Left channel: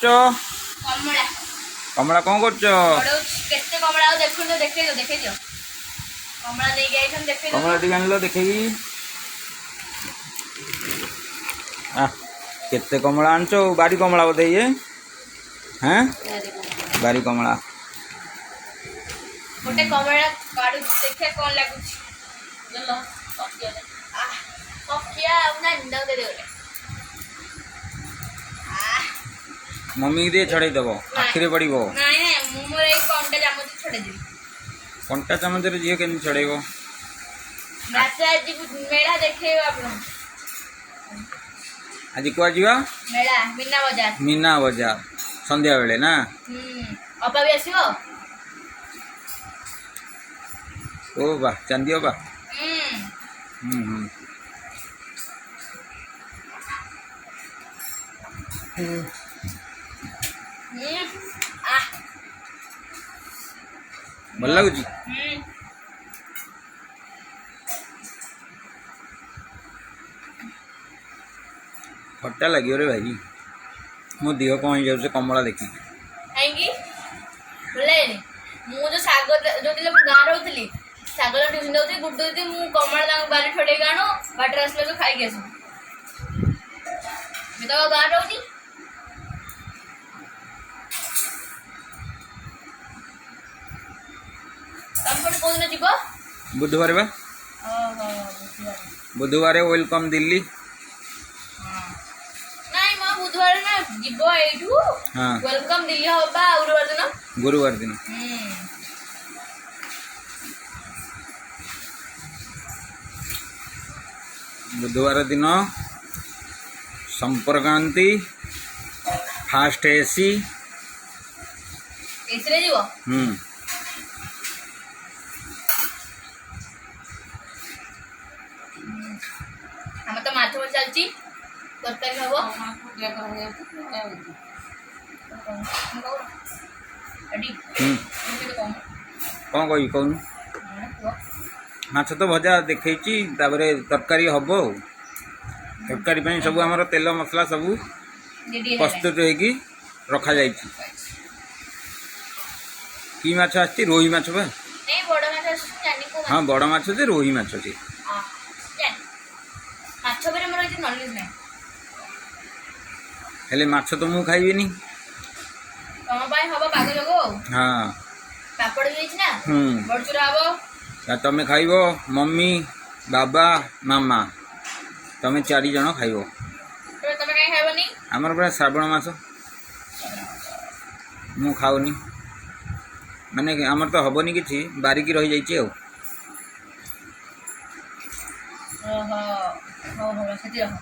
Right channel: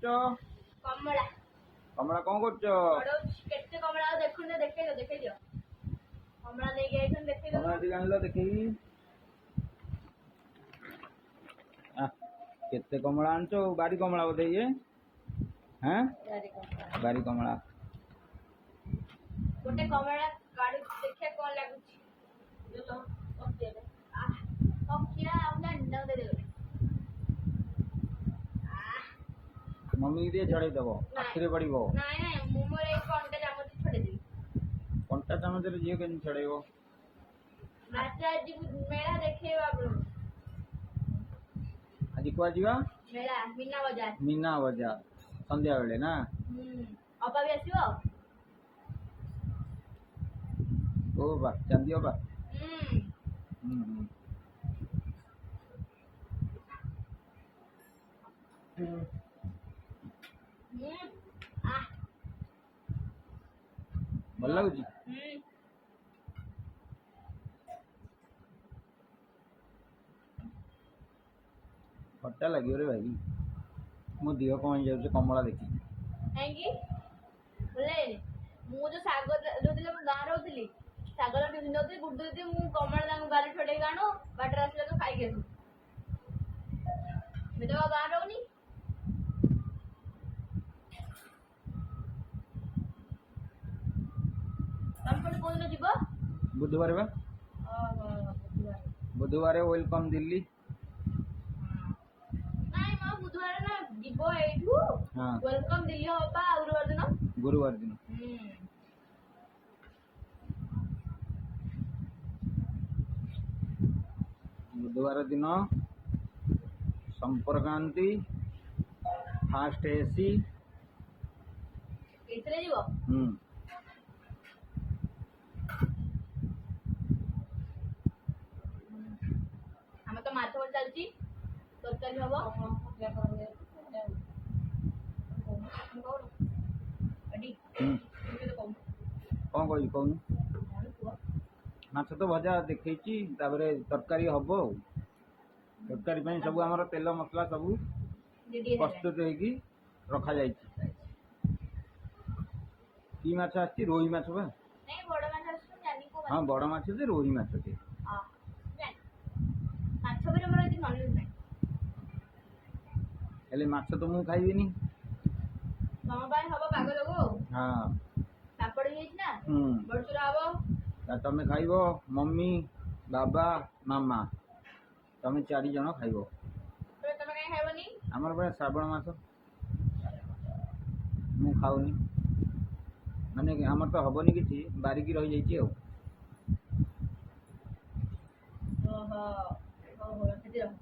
କରୁଛ? କମଳା କମଳା କଣ କରୁଛ? କେତେ କମଳା ଆଉ ଦେଖୁନ ଦେଖେଇ ଦିଅ କମଳା ନେଇକି ଆଇଛନ୍ ଦେଖେଇ କମଳା ଟିକେ ଆଣିଲ ଦେଖେଇକି। କେତେ କମଳା ଆଣିଛ? ବାରି କମଳା ବୋଧେ ଇଏ? হ্যাঁ ବାରି କମଳା। ଗୋଟେ କମଳା କାଢୁଛି ଦେଖିଆ କଣ ଲାଗୁଛି। ପକିଆ ଆଉ ନା ନିନ୍ଦାକୁ ଦେଇଦେ ଗୋଟେ। ମମି କି ଟିକେ ଛଡ଼େଇ ଦେବ, ଆଖିରେ ପଡ଼ିବ। ନାଇଁ ମୁଁ ମୋର ଏଇ କଣ୍ଟା ଚାମଚ ଛଡ଼େଇଦେବି। କଣ୍ଟା ଚାମଚରେ ଝିଅ କେମିତି ଛଡ଼େଇବ? ଆଜି ମେଳା ଦେଖେଇବ ଆପଣ। ଆଜି କୁଆ ଯିବା? ମେଳା ମୀନା ବଜାର। ମୀନା ବଜାର ସନ୍ଧ୍ୟା ବେଳେ ନା? ଅପା ବି ଆସିବ। ଓ ବା ଚାନ୍ଦି ଅପା। ଭଲ ଲାଗୁଛି? ଖଟା ଲାଗିବ ରେ ଭାଇ, ମୋ ଦେହ କ'ଣ ହେଇଯାଉଛି କମଳା ଦେଖିକି। କାହିଁକି ଭଲ ଲାଗେନି? ମୁଁ ଯୋଉ ଶାଗ ଯୋଉଥିଲେ ମୁଁ ଗାଁ ରହୁଥିଲି, ଶାଗ ଟିଫିନ୍ ଦଉଥିଲି ଗୁଡୁ ଦିଦି ମୁଁ କମଳା ତାଙ୍କୁ ବାରି ଛଡ଼େଇକି ଆଣୁ, ବାଟରେ ଆସିଲେ ତ ଖାଇକି ଆସୁ। ମୁଁ ତ ଗାଁ ରହୁନି। ତମେ ପୁଣି କୋଉଦିନ ଯିବ? ବୁଧବାର ବା। ବୁଧବାର ୱେଲକମ୍ ଦିଲ୍ଲୀ। ନାଇଁ ମୋ ବୁଧବାର ନା ଯିବ ଏଇଠୁ ୱେଲକମ୍ ଦିଲ୍ଲୀ ହବା ଗୁରୁବାର ଦିନ। ବୁଧବାର ଦିନ ସମ୍ପର୍କାନ୍ତି ଫାଷ୍ଟ ଏସି ଏସିରେ ଯିବ? ଆମର ତ ମାଛ ଚାଲିଛି, ତରକାରୀ ହବ। କ'ଣ କହିବି କହୁନୁ? ମାଛ ତ ଭଜା ଦେଖେଇଛି, ତାପରେ ତରକାରୀ ହବ ଆଉ। ତରକାରୀ ପାଇଁ ସବୁ ଆମର ତେଲ ମସଲା ସବୁ ପ୍ରସ୍ତୁତ ହେଇକି ରଖାଯାଇଛି। କି ମାଛ ଆସିଛି? ରୋହି ମାଛ ବା। ହଁ ବଡ଼ ମାଛ ଯେ, ରୋହି ମାଛ ଯେ। ହେଲେ ମାଛ ତ ମୁଁ ଖାଇବିନି। ତମ ପାଇଁ ହବ ପାଗ ଯୋଗ ଆଉ। ହଁ ପାପଡ଼ ବି ହେଇଛି ନା, ବଡ଼ଚୁରା ହବ। ତମେ ଖାଇବ, ମମି, ବାବା, ମାମା, ତମେ 4 ଜଣ ଖାଇବ। ତମେ କାହିଁ ଖାଇବନି? ଆମର ପୁରା ଶ୍ରାବଣ ମାସ, ମୁଁ ଖାଉନି। ମାନେ ଆମର ତ ହବନି କିଛି, ବାରିକି ରହିଯାଇଛି ଆଉ। ଓହୋ, ହଉ ସେଥି ରହ।